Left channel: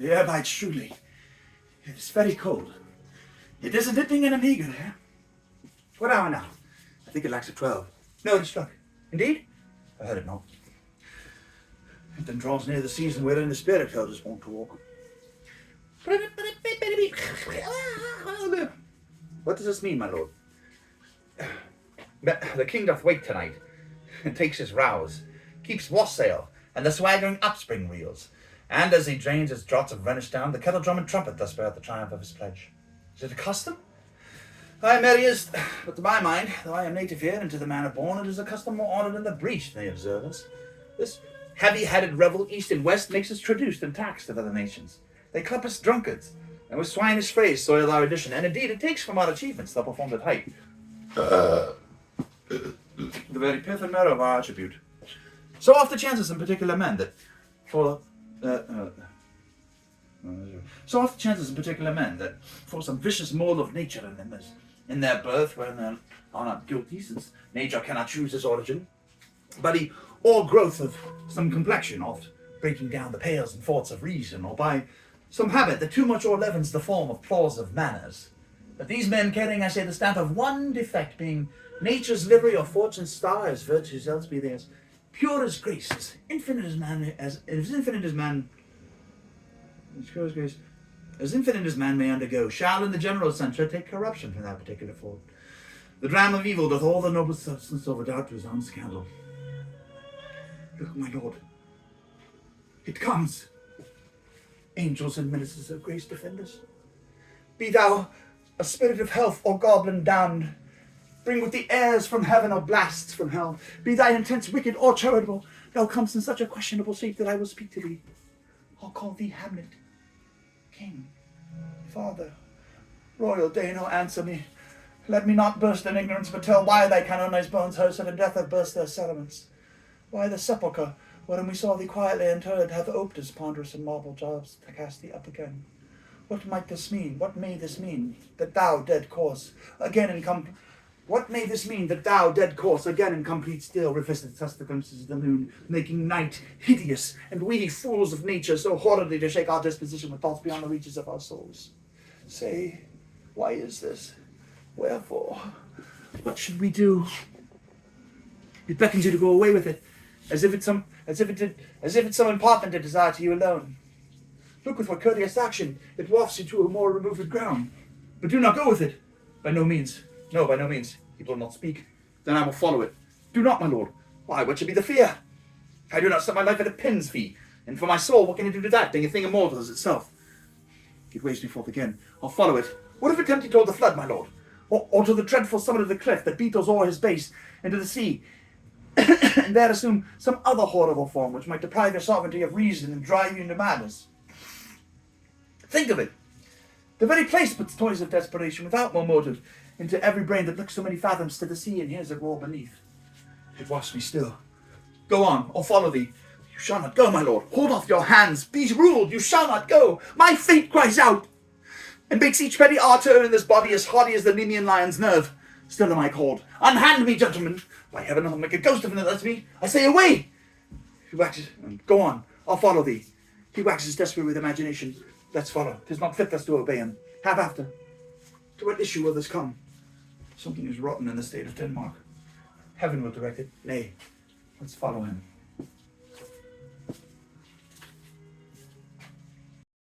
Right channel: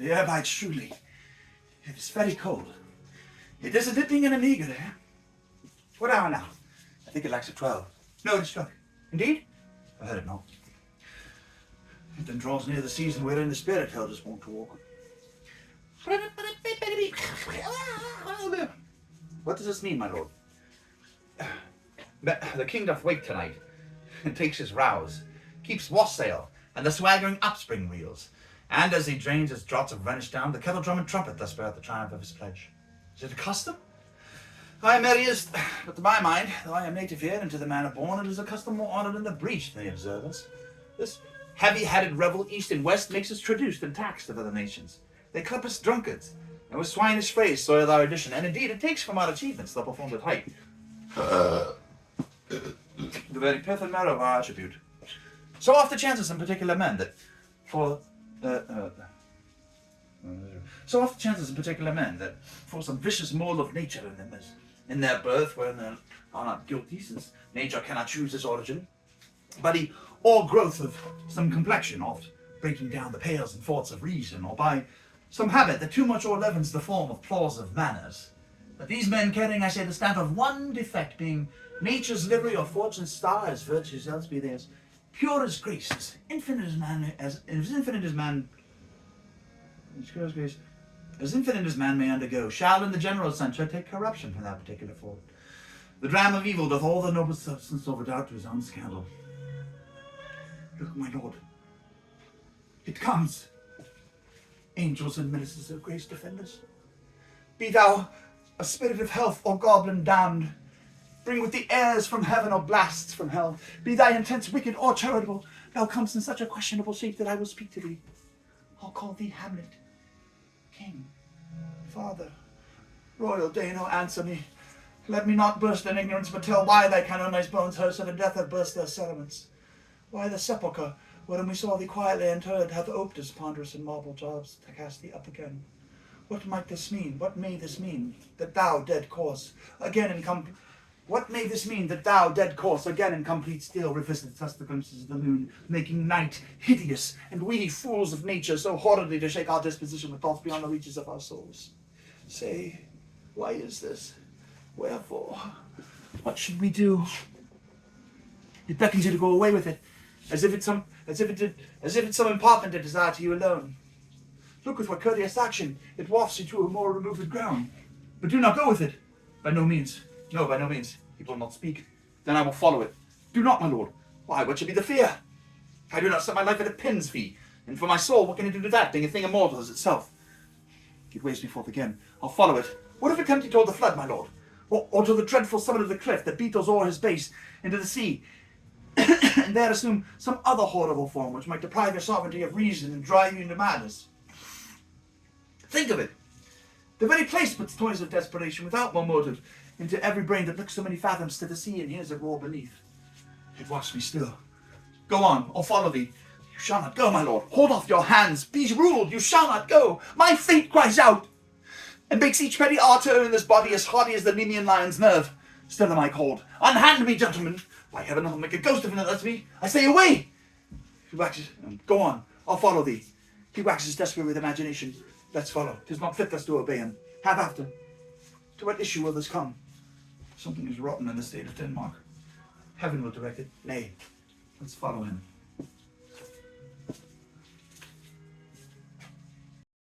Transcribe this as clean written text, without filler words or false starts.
The air bites shrewdly. It is very cold. It is a dipping and an eager air. What hour now? I think it lacks a 12. No, it struck. Indeed? I heard it not. It then draws near the season wherein the spirit held us wont to walk. What does this mean, my lord? The king doth wake tonight, and takes his rouse, keeps wassail, and the swaggering upspring reels, and as he drains his draughts of Rhenish down, the kettle drum and trumpet thus bear out the triumph of his pledge. Is it a custom? Aye, merry is, but to my mind, though I am native here and to the manner born, it is a custom more honoured in the breach than the observers. This heavy-headed revel east and west makes us traduced and taxed of other nations. They club us drunkards, and with swinish phrase soil our edition, and indeed it takes from our achievements the performed at height. The very pith and marrow of our attribute. So oft it chances in particular men that for some vicious mole of nature in them, as in their birth, wherein they are not guilty, since nature cannot choose its origin, but or growth of some complexion, oft breaking down the pales and forts of reason, or by some habit that too much o'erleavens the form of plausive manners. That these men carrying, I say, the stamp of one defect, being nature's livery or fortune's star, as virtues else be theirs, pure as grace, as infinite as man may undergo, shall in the general censure take corruption from that particular fault. The dram of evil doth all the noble substance overdoubt to his own scandal. Look, my lord, it comes. Angels and ministers of grace defend us. Be thou a spirit of health or goblin damned, bring with the airs from heaven or blasts from hell. Be thy intents wicked or charitable, thou comest in such a questionable shape that I will speak to thee. I'll call thee Hamlet, King, Father, Royal Dano, answer me. Let me not burst in ignorance, but tell why thy canonized bones, hearse of death, have burst their settlements. Why the sepulchre, wherein we saw thee quietly interred, hath oped his ponderous and marble jaws to cast thee up again. What might this mean? What may this mean? That thou, dead corse, again in complete still revisitest us the glimpses of the moon, making night hideous, and we, fools of nature, so horridly to shake our disposition with thoughts beyond the reaches of our souls. Say, why is this? Wherefore? What should we do? It beckons you to go away with it, as if it's some impartment it desire to you alone. Look with what courteous action it wafts you to a more removed ground. But do not go with it. By no means. No, by no means. It will not speak. Then I will follow it. Do not, my lord. Why, what should be the fear? I do not set my life at a pin's fee. And for my soul, what can it do to that, being a thing immortal as itself? It waves me forth again. I'll follow it. What if it tempt you toward the flood, my lord? Or to the dreadful summit of the cliff that beetles o'er his base into the sea, and there assume some other horrible form which might deprive your sovereignty of reason and drive you into madness? Think of it. The very place puts toys of desperation without more motive into every brain that looks so many fathoms to the sea and hears it roar beneath. It wafts me still. Go on, or follow thee. You shall not go, my lord. Hold off your hands. Be ruled. You shall not go. My fate cries out, and makes each petty artery in this body as hardy as the Nemean lion's nerve. Still am I called. Unhand me, gentlemen. By heaven, I'll make a ghost of him that lets me. I say, away. He waxes. Go on. I'll follow thee. He waxes desperate with imagination. Let's follow. 'Tis not fit us to obey him. Have after. To what issue will this come? Something is rotten in the state of Denmark. Heaven will direct it. Nay, let's follow him.